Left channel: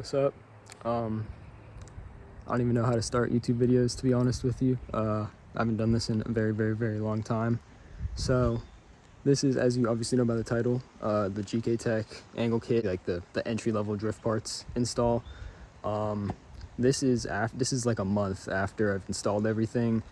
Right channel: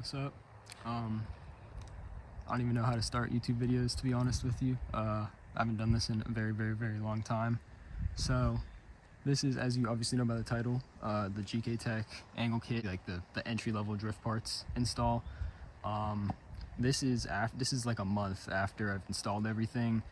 What's up? I don't even know how to start YouTube videos, to be honest with you. I haven't done this in a very long time. So this is, as you obviously know by the title, the GKtech angle kit, like the entry-level drift parts install. This is like a month after I've installed everything.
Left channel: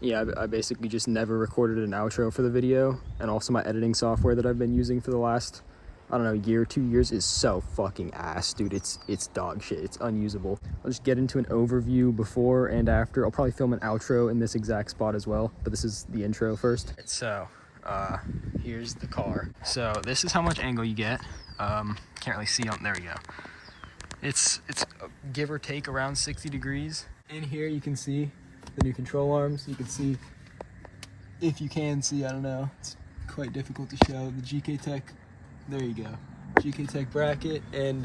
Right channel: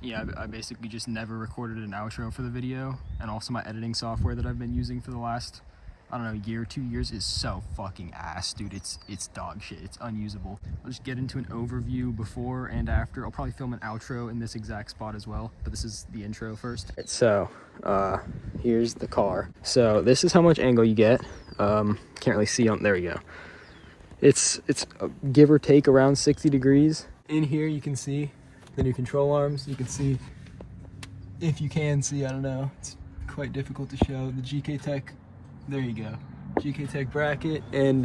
Yeah, I basically just never recorded an outro for the video, and also my editing software that I've been using for the last, I don't know, year, 2 years is so fucking ass, dude. It's dog shit. It's unusable. I'll just get into an overview before and after. I'll probably film an outro in this exact spot as well, but this is the intro first. So, here's the car. So this is how much angle you get. Can't really see on, there we go. It's give or take around 60 degrees. In here you can see the new control arms. You can see, if you can see, I don't know, it's quite difficult to show, the GKtech, there you go, GKtech bracket, and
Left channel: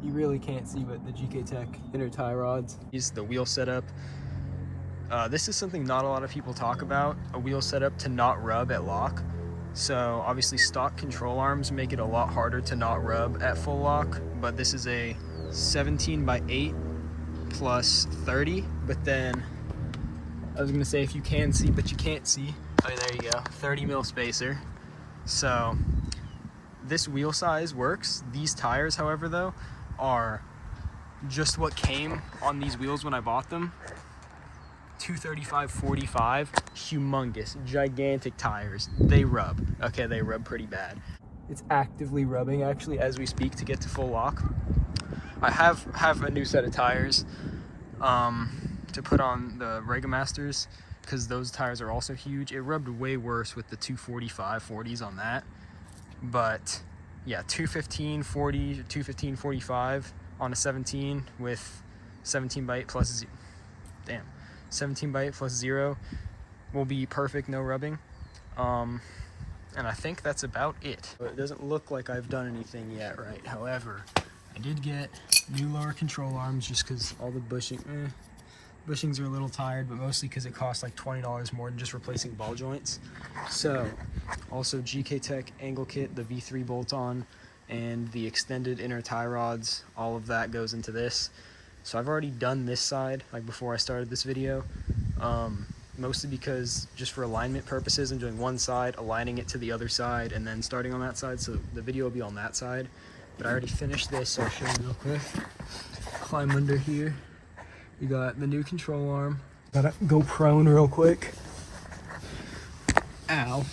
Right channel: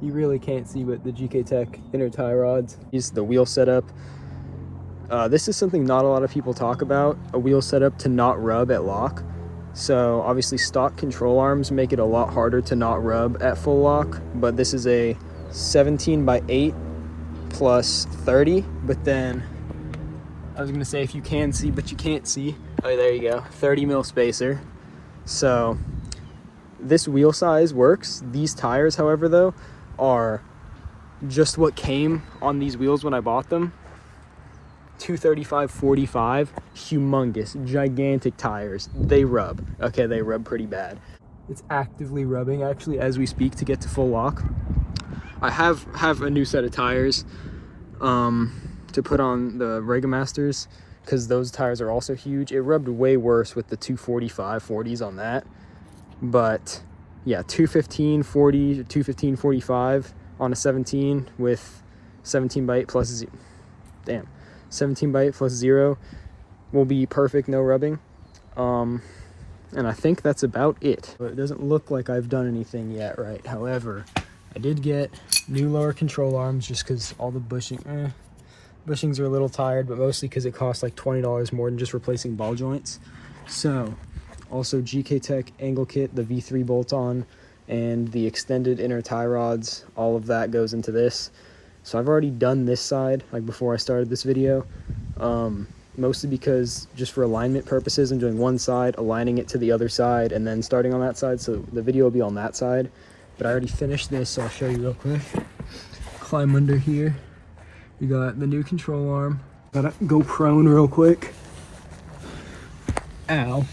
you really can't see, but the GKtech inner tie rods. Here's the wheel setup. This is something not a lot of people talk about, a wheel setup to not rub at lock. So obviously stock control arms make it a lot harder to not rub at full lock, but this is a 17x8 plus 30, but then I was gonna say, if you can see but you can't see, oh there you go, 30 mil spacer. So this wheel size works. These tires, however, though, are just what came on these wheels when I bought them. 235/45, humongous, gigantic tires. They rub. Okay, they rub pretty bad. It's actively rubbing actually as we speak to get to full lock. I have a new set of tires to put on the Regamasters, because those tires are also huge. It rubbed way worse with the 245/40s on that, but yeah, 215/40, 215/45 on a 17 with 17x8 plus 17x8 plus 0 will be perfect, no rubbing. And I think that's about it. It doesn't look like I've done anything yet, right? However, I did get new lower control arms just because all the bushings are a little tired, but mostly because it costs like $20 more than just replacing ball joints. So also GKtech angle kit, the V3 bolt-on, and the extended inner tie rods, all of that goes into this. So I've already done this side, like before I started this video, mostly because just for alignment purposes, I'm doing one side, aligning it to the other side, and then starting on that side, so the video will be on that side. But I already finished this, so I'll show you real quick. Climb under here. You got the new control arm. Gotta go prone real quick. Ow.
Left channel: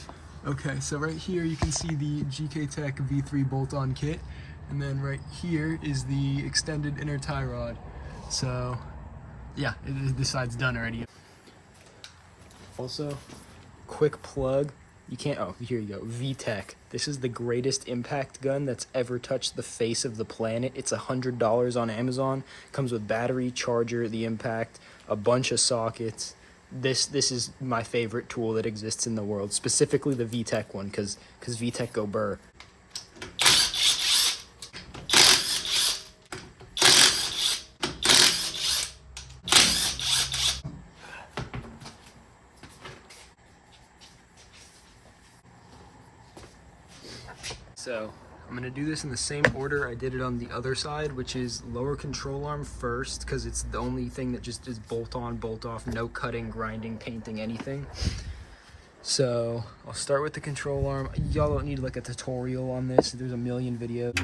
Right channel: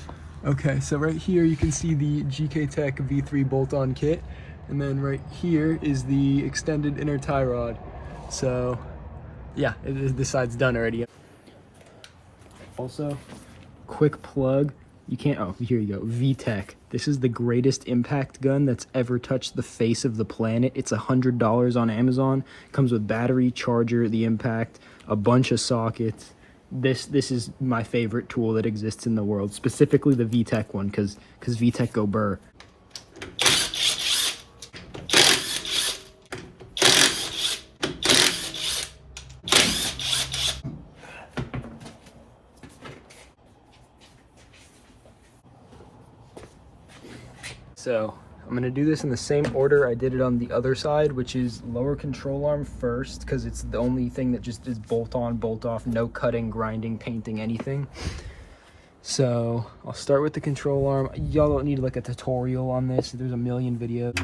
Okay, so right here you can see the GKtech V3 bolt-on kit, and then right here is the extended inner tie rod. So yeah, this side's done already. Also, quick plug, you can't, oh, here you go, VTech. This is the greatest impact gun that's ever touched the face of the planet. It's $100 on Amazon. Comes with battery, charger, the impact, a bunch of sockets. This is my favorite tool that exists in the world, specifically the VTech one, because VTech go burr. So I'm gonna do this in the same order I did it on the other side, which is lower control arm first, because it's the only thing that just is bolt on, bolt off, no cutting, grinding, painting, anything. So I'll start with the control arm. Y'all don't need like a tutorial on this. There's a million videos.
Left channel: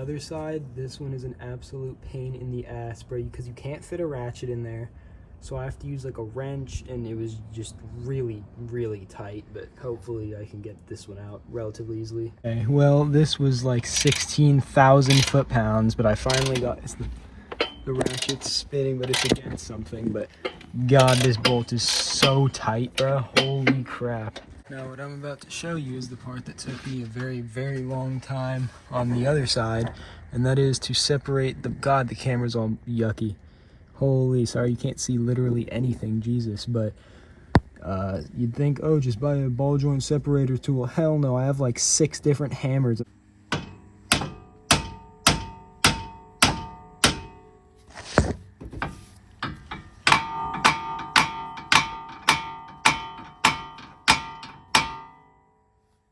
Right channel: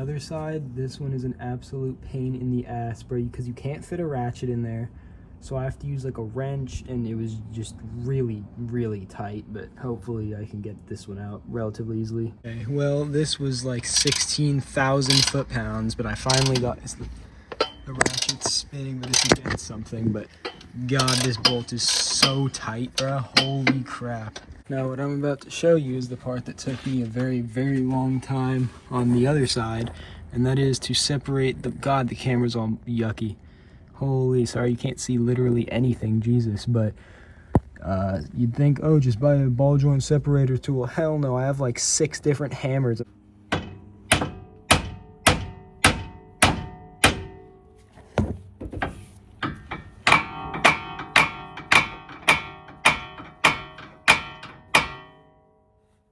Other side, this one is an absolute pain in the ass, bro, because you can't fit a ratchet in there, so I have to use like a wrench, and it was just really tight, but hopefully I can get this one out relatively easily. Okay, well, this was like 16,000 foot-pounds, but I finally got the ratchet's spinning, but it's against something. But god, this bolt is so tight, bro, holy crap. Now what I'm about to show you is the part that took me a very long time on the other side, and that is to separate the, god, the camera's all yucky. Holy, sorry you can't see literally anything, Jesus, but you'd think, oh, just buy a ball joint separator tool. Hell no, I have like 6 different hammers.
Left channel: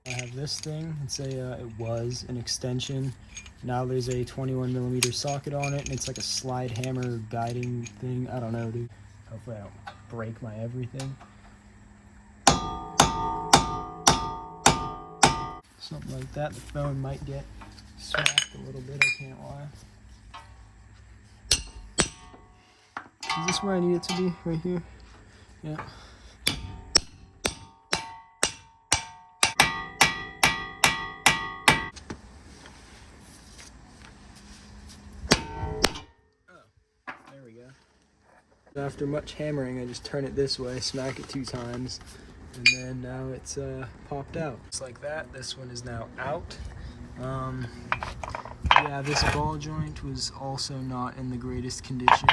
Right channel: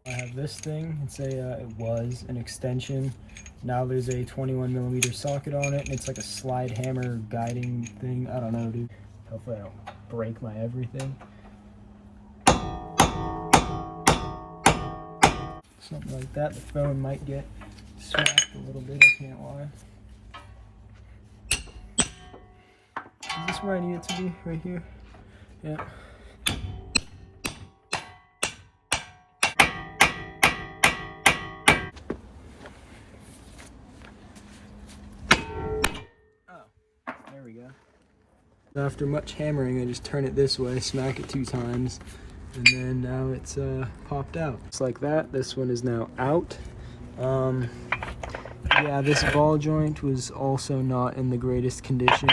I have this thing. It's a it was an extension. Now there's a 21mm socket on it, and it's like a slide hammer guiding thing. I don't know, dude. Hopefully I don't break my everything. Something like that. The phone might get swapped a little bit, I can't lie. Is this where I need it to be? Right here? Yeah. There we go. After much hammering, I just turn it this way, smack it 2 times, and then now it's popped out. It's like that. This one is now out. Yeah, this ball joint was also not in the greatest condition.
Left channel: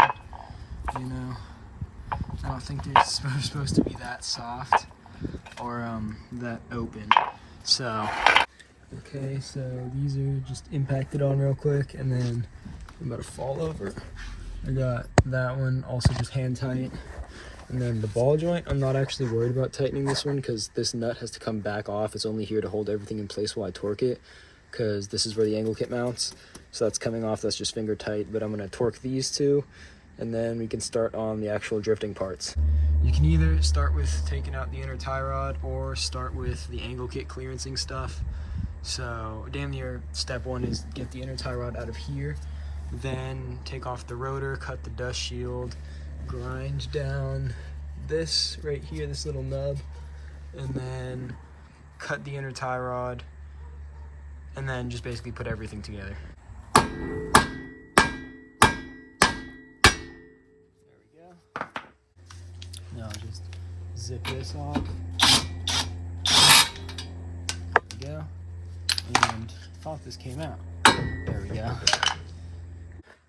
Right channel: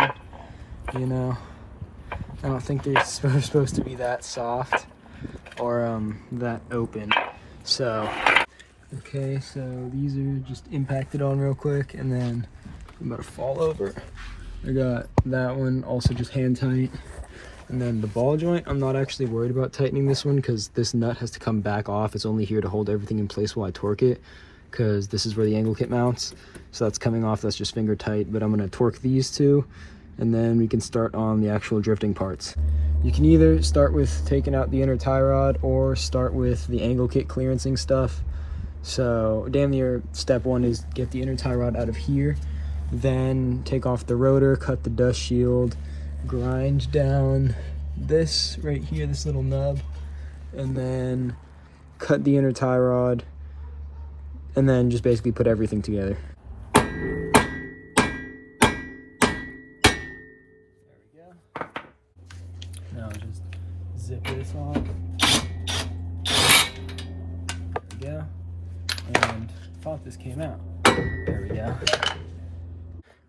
You know, I don't think they're supposed to be that soft or that open. So, okay, so these are just impacted on real quick, and then I'm about to fall over. I got that one also just hand tight, and then the ball joint, I'm not actually worried about tightening this one because this nut has to come back off. It's only here to hold everything in place while I torque it, because this is where the angle kit mounts. So that's coming off, that's just finger tight, but I'm gonna torque these two, and then we can start on the actual drifting parts. You can either start with taking out the inner tie rod or start with the angle kit clearancing stuff. So damn near step 1 is get the inner tie rod out of here, then take off the rotor, cut the dust shield, grind down this right here, this little nub, and then cut the inner tie rod, and then just basically put everything together. There we go. Now just zip this off. There we go. And I thought this came out. There we go.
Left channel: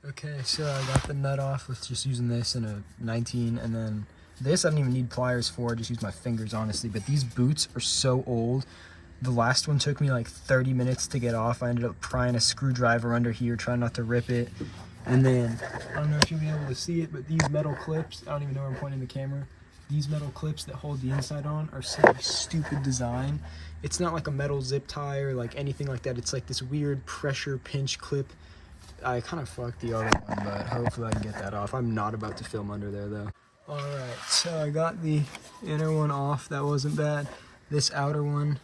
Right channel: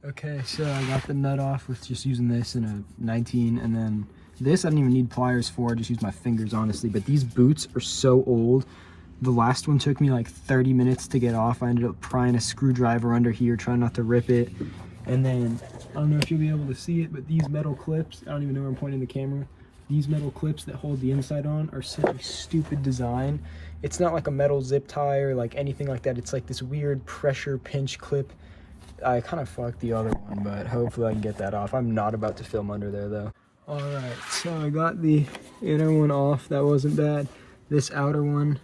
Okay, so I got the nut off with just using this in a 19, and then this I don't even need pliers for, I just use my fingers honestly, but these boots are so old. The last one took me like 30 minutes to get off. I ended up prying a screwdriver under here, trying not to rip it. And then, I don't know if you'll be able to see it, but these metal clips, I don't even know where I'm pointing the camera, these metal clips that hold the inside on are such a stupid design. It's not like a metal zip tie or like anything like that. It's like this weird pressure pinch clip. I kind of fucked the other one, but hopefully I can get that off. I'm not about to film under there though. Alright, so I got the inner one off. That wasn't bad. This outer one,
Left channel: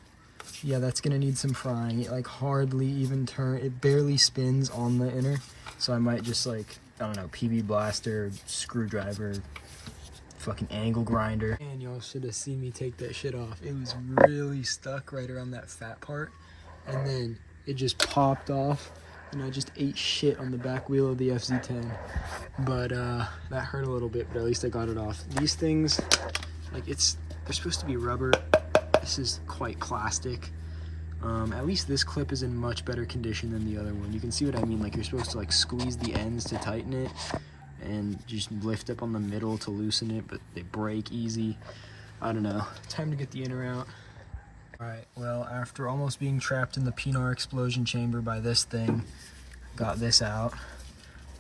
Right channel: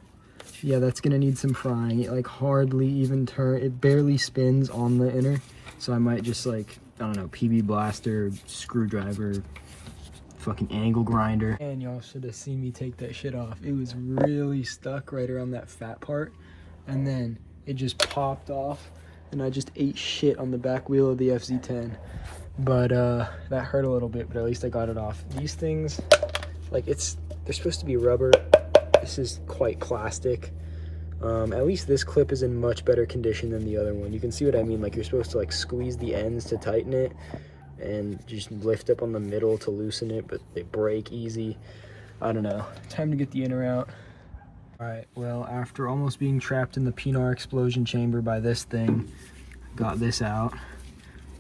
yeah, that's gonna need some frying. It like hardly even it barely spins on the inner. So I might just like, I don't know, PB blaster, screwdriver, fucking angle grinder. And y'all should have seen me take that shit off. It was really stuck right around that fat part. And then it just popped off. And I just ate shit on the back wheel of the FZ10. But that hurt a little bit, but at least I got it off. These things, like they're supposed to be rubber. This is quite plastic. At least this clip is in much better condition than the other one. You can see what I mean, like you're supposed to like squeeze the ends to tighten it and just lift up on the middle to loosen it, but they break easy. I don't know. Time to get the inner out. Alright, well, after almost being trapped in the Pinar explosion chamber by this thing, got this out.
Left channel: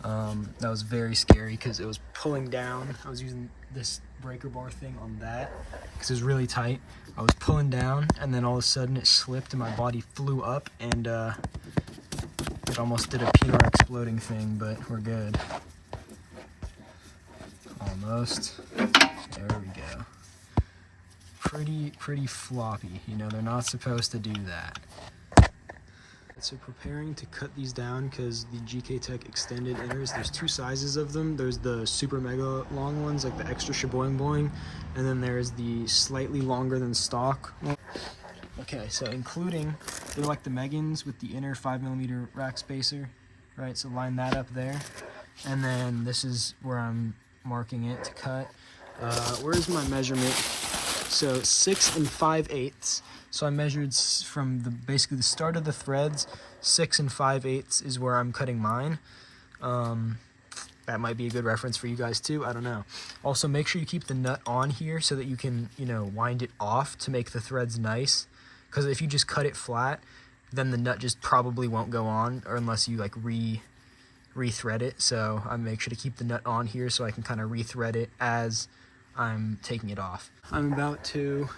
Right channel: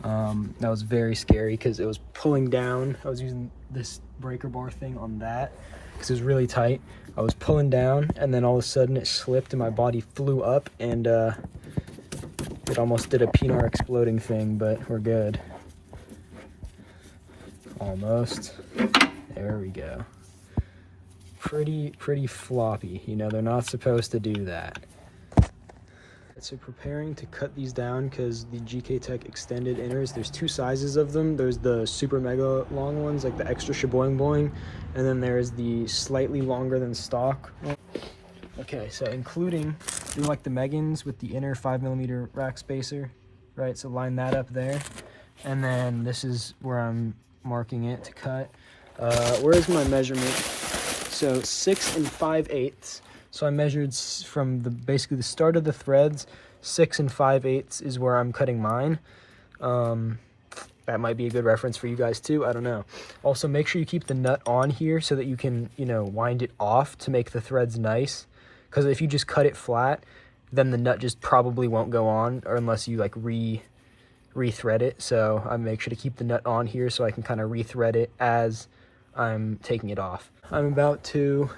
That was very scary because it was pulling down. I was using this breaker bar thing on that because it was really tight. I was pulling down, and then all of a sudden it slipped and my body flew up, and it almost did a Pinar exploding thing, but we're good. Almost. There we go. Pretty floppy, you know, they're not supposed to do that. So preparing to cut these down because the GKtech extended inners, there's 2 sizes of them. There's the super mega long ones, like the extra shaboing boing, and then there's the slightly longer than stock. Okay, so including, they're like the Megans with the inner 5mm rack spacer, right? So line that up there, and then this is where I'm marking it to cut. Where's my measurement? So 6 5/8. So I measured from basically the start of the threads. 6 5/8 is where I'm cutting mine. That might be a good reference for you guys too. I don't know. Also, make sure you keep the nut on here so that you can, you know, wind it off to make the threads nice. Because if you just cut it flat, then the nut just probably won't go on, or unless you like re-thread it. So I make sure to keep the nut on here so I can kind of re-thread it as I'm taking it off. I'm about to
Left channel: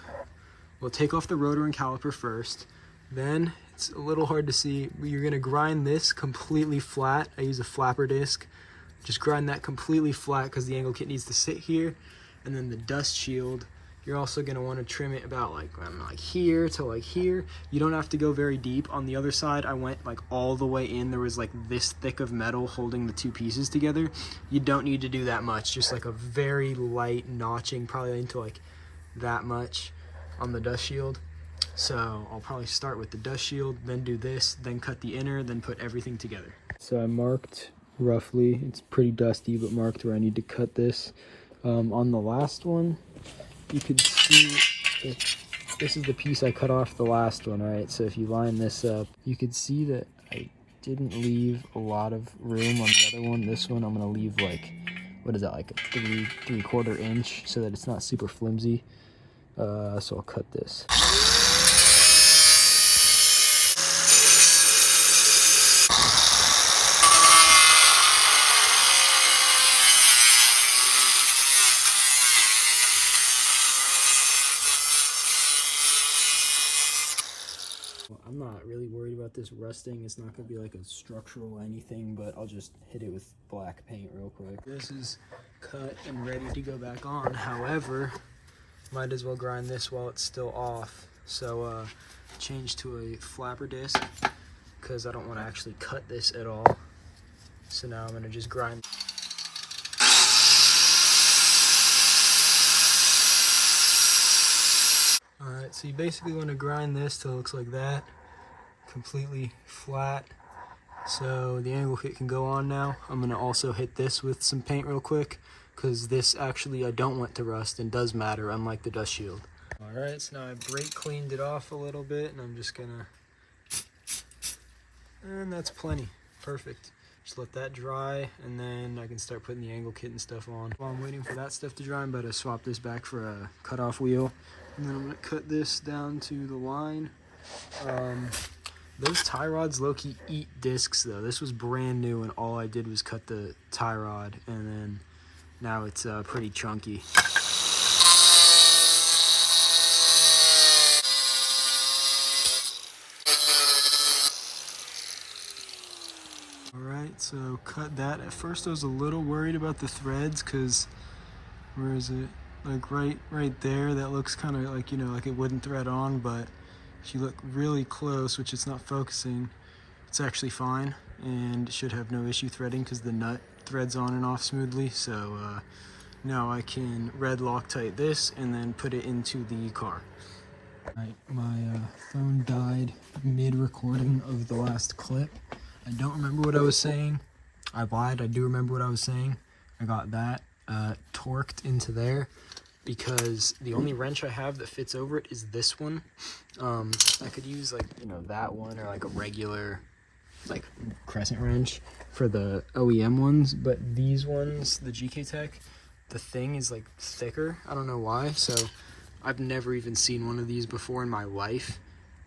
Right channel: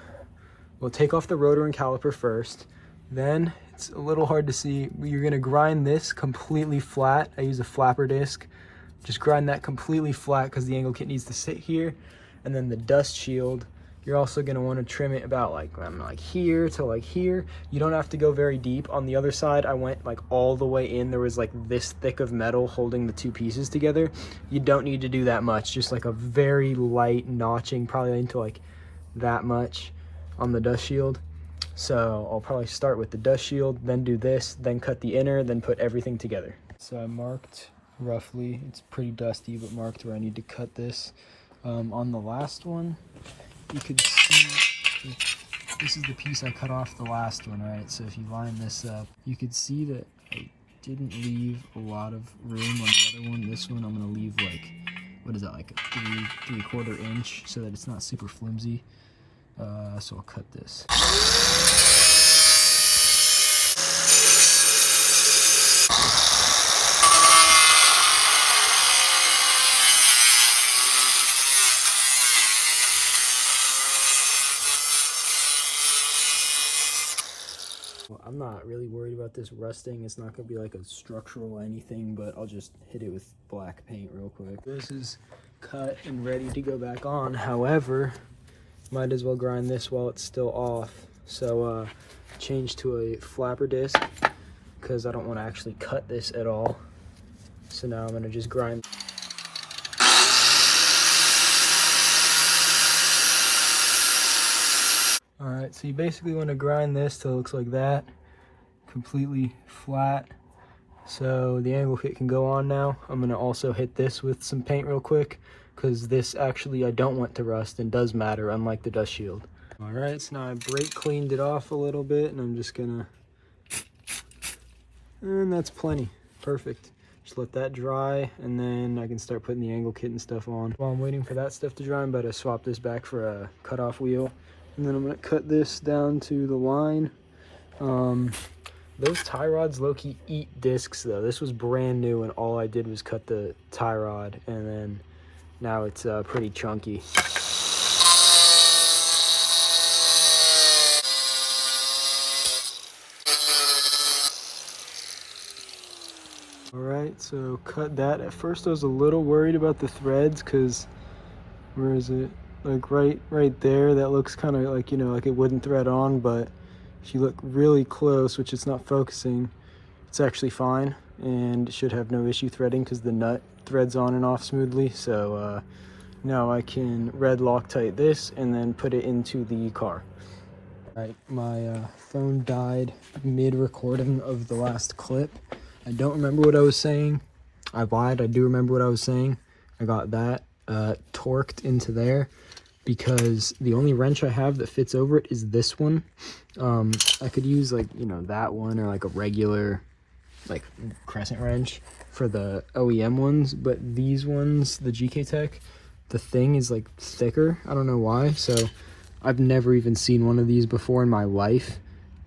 we'll take off the rotor and caliper first. Then, it's a little hard to see, you're gonna grind this completely flat. I use a flapper disc. Just grind that completely flat because the angle kit needs to sit here. And then the dust shield, you're also gonna wanna trim it about like here to like here. You don't have to go very deep. On the other side, I went like all the way in. There was like this thick of metal holding the two pieces together. You don't need to do that much, just like a very light notching, probably into like that much on the dust shield. So I'll probably start with the dust shield, then do this, then cut the inner, then put everything together. So I marked roughly, it's pretty dusty, but marked where I need to cut this. On the last one, you could see that this is the piece I cut off the last one, right? So if you line this up, you could see that I didn't leave a lot of room on the other one. This one I'm gonna leave like, what is that, like a three-quarter inch so that it's not super flimsy. So I'll cut this. I'm not really worried about this rusting. It's not going to be like a structural anything, but I'll just hit it with black paint real quick. This is cut and ready to go back on. However, might as well grind this while it's still off. So change to a flapper disc because I don't want to actually cut this at all. So now I'm going to just grind. Alright, so you basically want to grind this till it looks like that, completely flat. So the angle kit can go on now. I'm going to also hit this with some paint real quick, because this actually I don't want to rust and does matter, unlike the dust shield. Alright, so now I brake cleaned it off a little bit, and I'm just going to, and that's plenty, perfect. Just let that dry, and then I can start putting the angle kit and stuff on. While I'm waiting for that stuff to dry, I'm about to swap this back for a cutoff wheel. And then I'm going to cut this down to the line. Those tie rods low-key eat discs though. This was brand new and all I did was cut the tie rod, and then now it's pretty chunky. Alright, so cut that. At first I was a little worried about the threads because, where is it? Like right there, that looks kind of like, you know, like it wouldn't thread on, but if you look really close, which it's not focusing, it's actually fine and it should have no issue threading because the nut threads on and off smoothly. So now I can red Loctite this and then put it into the car. All right, my phone died mid-recording of the last clip. I don't remember what I was saying. I lied, I do remember what I was saying. I got that torqued into there, because the only wrench I have that fits over it is this one. I could use like, you know, that one or like a regular like crescent wrench for the OEM ones, but these ones, the GKtech, the thing is like thicker. I don't know why. So I've never even seen one of these before in my life.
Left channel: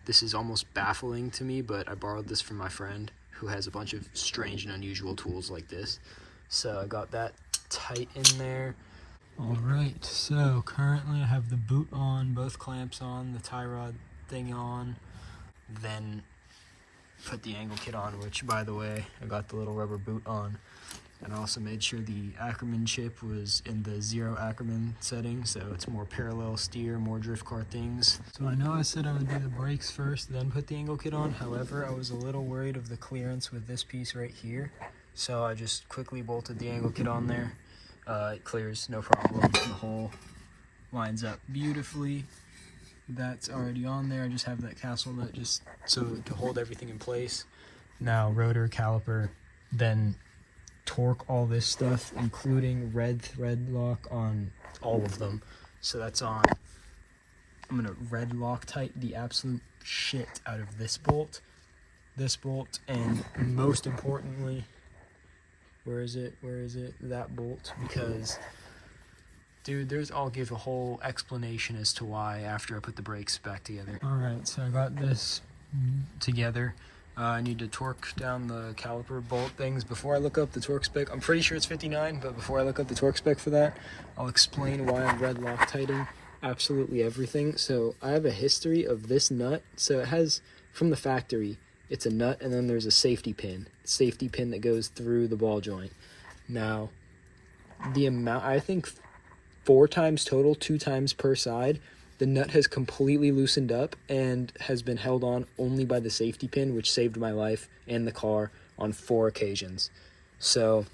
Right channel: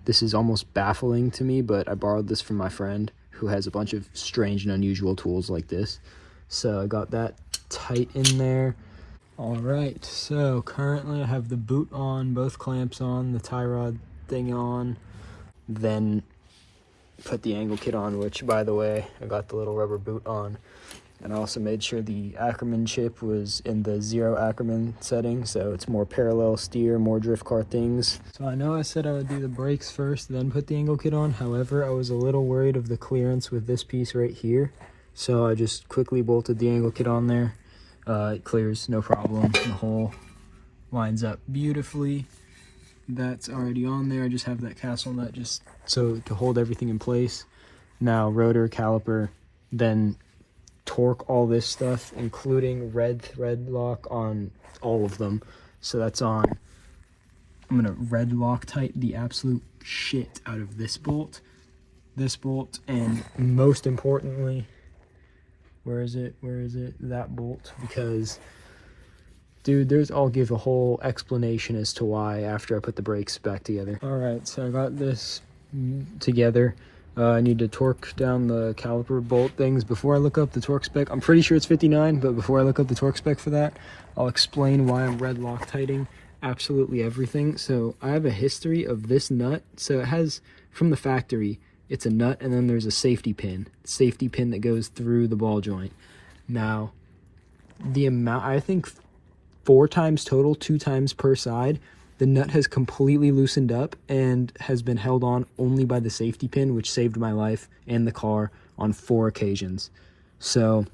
This is almost baffling to me, but I borrowed this from my friend who has a bunch of strange and unusual tools like this. So I got that tight in there. Alright, so currently I have the boot on, both clamps on, the tie rod thing on, then put the angle kit on, which, by the way, I got the little rubber boot on. And I also made sure the Ackerman chip was in the 0 Ackerman setting, so it's more parallel steer, more drift car things. So I know I said I would do the brakes first, then put the angle kit on. However, I was a little worried of the clearance with this piece right here. So I just quickly bolted the angle kit on there. It clears, no problem. The hole lines up beautifully. That's already on there. I just have that castle nut just so to hold everything in place. Now rotor, caliper, then torque all this stuff, including red thread lock on all of them. So that's on. I'm gonna red Loctite the absolute shit out of this bolt, and most importantly, where is it? That bolt. Because, dude, I'll give a whole explanation as to why after I put the brakes back together. Alright, so I got this together. I need to torque down the caliper bolt things before I look up the torque spec. I'm pretty sure it's 59, but before I look up the torque spec for that, I'll explain why I'm red Loctiting absolutely everything. So I have a history of this nut. So it has, from the factory, it's a nut, and then there's a safety pin that goes through the ball joint. Now, the amount, I think 4 times total, 2 times per side, the nut has completely loosened up and has been held on only by the safety pin, which saved my life and the car on 4 occasions. So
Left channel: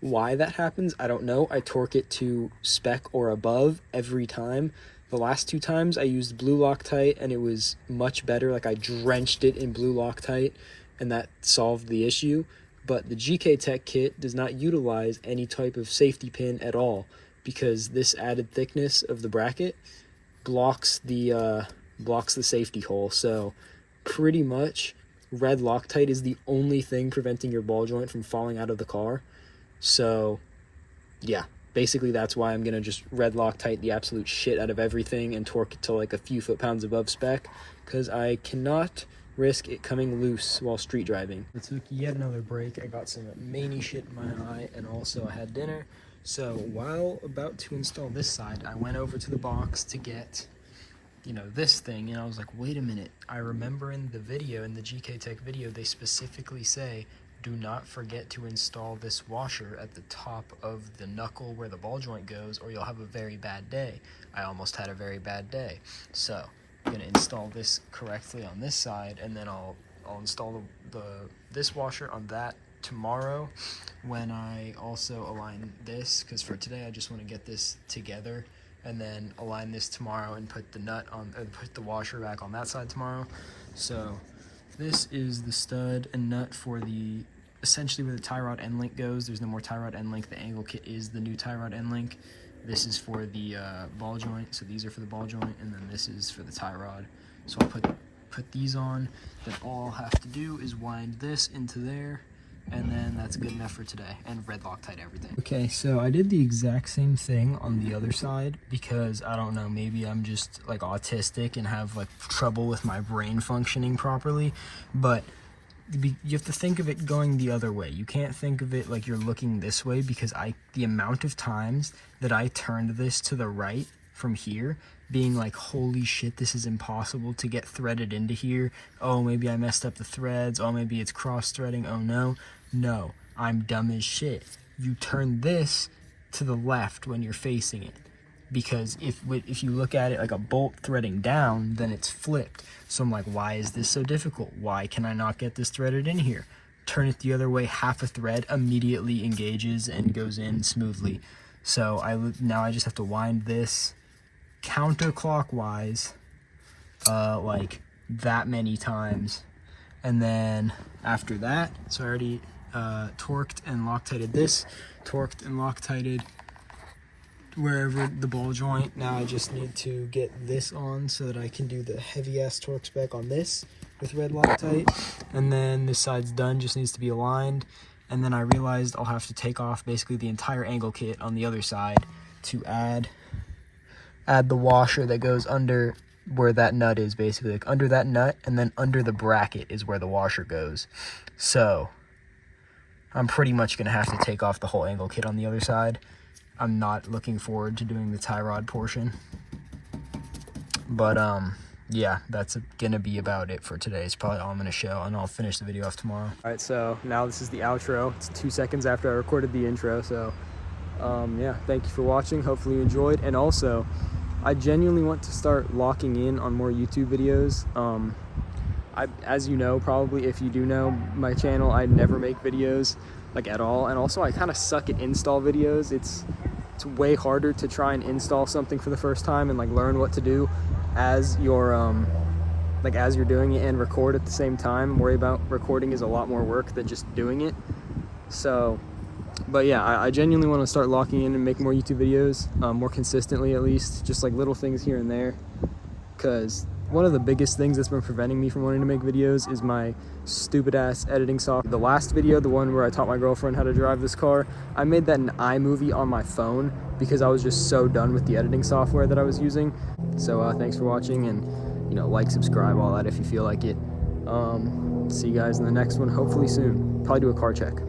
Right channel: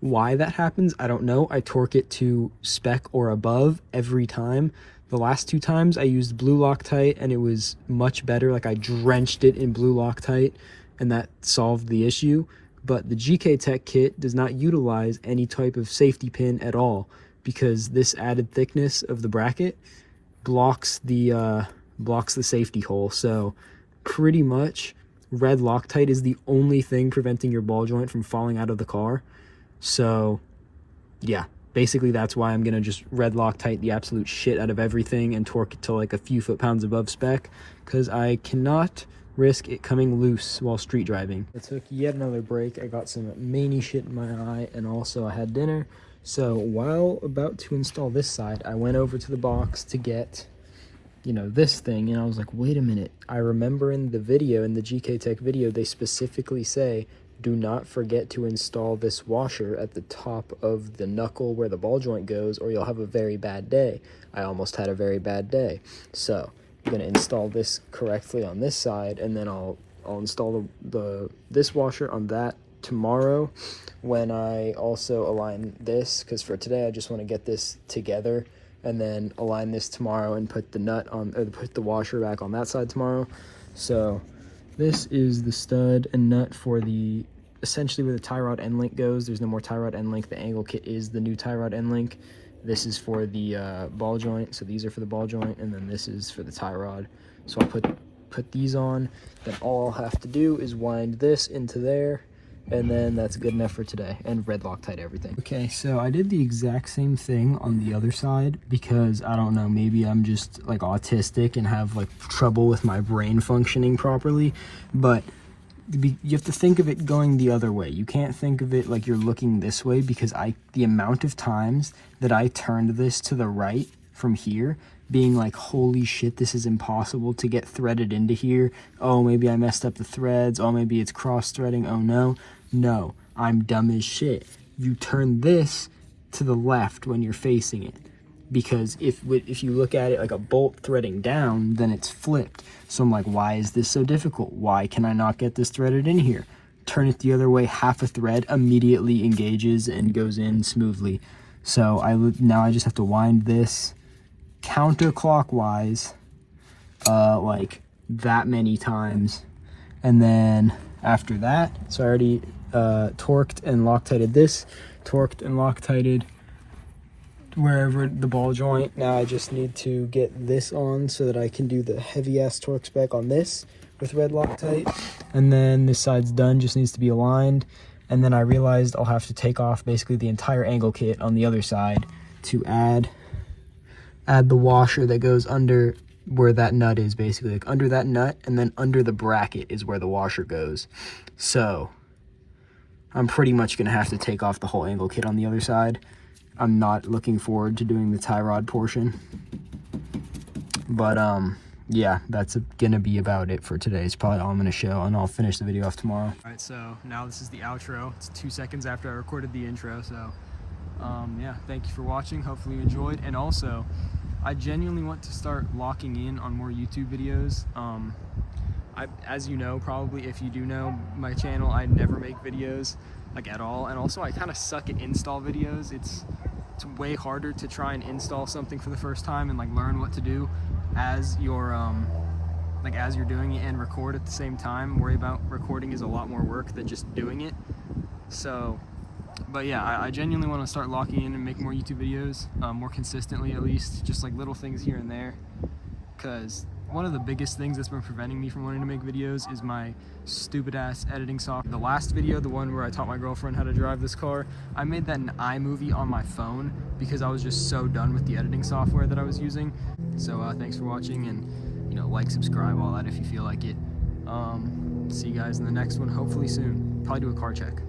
why that happens, I don't know. I torque it to spec or above every time. The last 2 times I used blue Loctite and it was much better. Like, I drenched it in blue Loctite and that solved the issue. But the GKtech kit does not utilize any type of safety pin at all, because this added thickness of the bracket blocks the safety hole. So pretty much red Loctite is the only thing preventing your ball joint from falling out of the car. So yeah, basically that's why I'm gonna just red Loctite the absolute shit out of everything and torque it to like a few foot-pounds above spec, because I cannot risk it coming loose while street driving. I took yet another break. I got some many shit in my eye, and also I had dinner. So while about to install this side, I went over to the box to get, you know, this thing, and I was like, wait a minute. I remember in the video, in the GKtech video, they specifically say, do not forget to install this washer at the top of the knuckle where the ball joint goes, or you'll have a very bad day. I almost had a very bad day. So I'm gonna install this correctly on this side, and then I'll install this washer on that tomorrow, when I also align this, because for today I just want to get this together and then align this tomorrow and put the nut on, or put the washer back on that side tomorrow. So this is the stud and nut for the, essentially where the tie rod end link goes. There's no more tie rod end link. The angle kit is the new tie rod end link. This is for the ball joint, so these are for the ball joint, and then this is for the tie rod. So I'll put these on, then all I'll have to do is wind this into there, and then that's good enough for today, and red Loctite everything. Okay, so I did the exact same thing on the other side, because I don't know, maybe I'm just like autistic and have like trouble with my brain functioning properly, but you have to think of it going the other way. You can't think of it like you're looking this way, because the amount of times that I turned this to the right from here, being like, holy shit, this is impossible to get threaded into here. Oh, maybe I messed up the threads. Oh, maybe it's cross-threading. Oh no, I'm dumb as shit. You turn this to the left when you're facing it, because if you look at it like a bolt threading down, then it's flipped. So I'm like, why is this so difficult? Why can I not get this threaded in here? Turn it the other way, half a thread immediately engages and goes in smoothly. So now I just have to wind this counterclockwise like that many times, and then after that, so I already torqued and Loctited this, torqued and Loctited wherever the ball joint. Now I just need to get this on so that I can do the heavy ass torque spec on this with red Loctite, and then this side's done, just needs to be aligned. And then I realized I'll have to take off basically the entire angle kit on the other side to add the washer that goes under where that nut is, basically like under that nut, and then under the bracket is where the washer goes. So I'm pretty much gonna have to take off the whole angle kit on the other side. I'm not looking forward to doing the tie rod portion, but yeah, that's gonna be about it for today. It's probably all I'm gonna show, and I'll finish the video off tomorrow. All right, so now this is the outro. It's 2 seconds after I recorded the intro, so yeah, thank you for watching. Hopefully you enjoyed, and also I genuinely want to start locking in on more YouTube videos. As you know, probably, if you do know my channel, I never make videos like at all, and also I kind of suck at install videos. It's way harder to try and install something for the first time and like learn what to do as you're as you're doing it, and record at the same time. Worry about recording is a lot more work than just doing it. So but yeah, I genuinely want to start locking in and make more YouTube videos, more consistently at least, just like little things here and there, because one of the biggest things that's been preventing me from wanting to make videos is my stupid ass editing software. The last video, the one where I taught my girlfriend how to drive this car, I made that in iMovie on my phone because I was just so done with the editing software that I was using. So thanks for watching, and you know, like, subscribe, all that if you feel like it. See you guys in the next one, hopefully soon. Probably do a car check.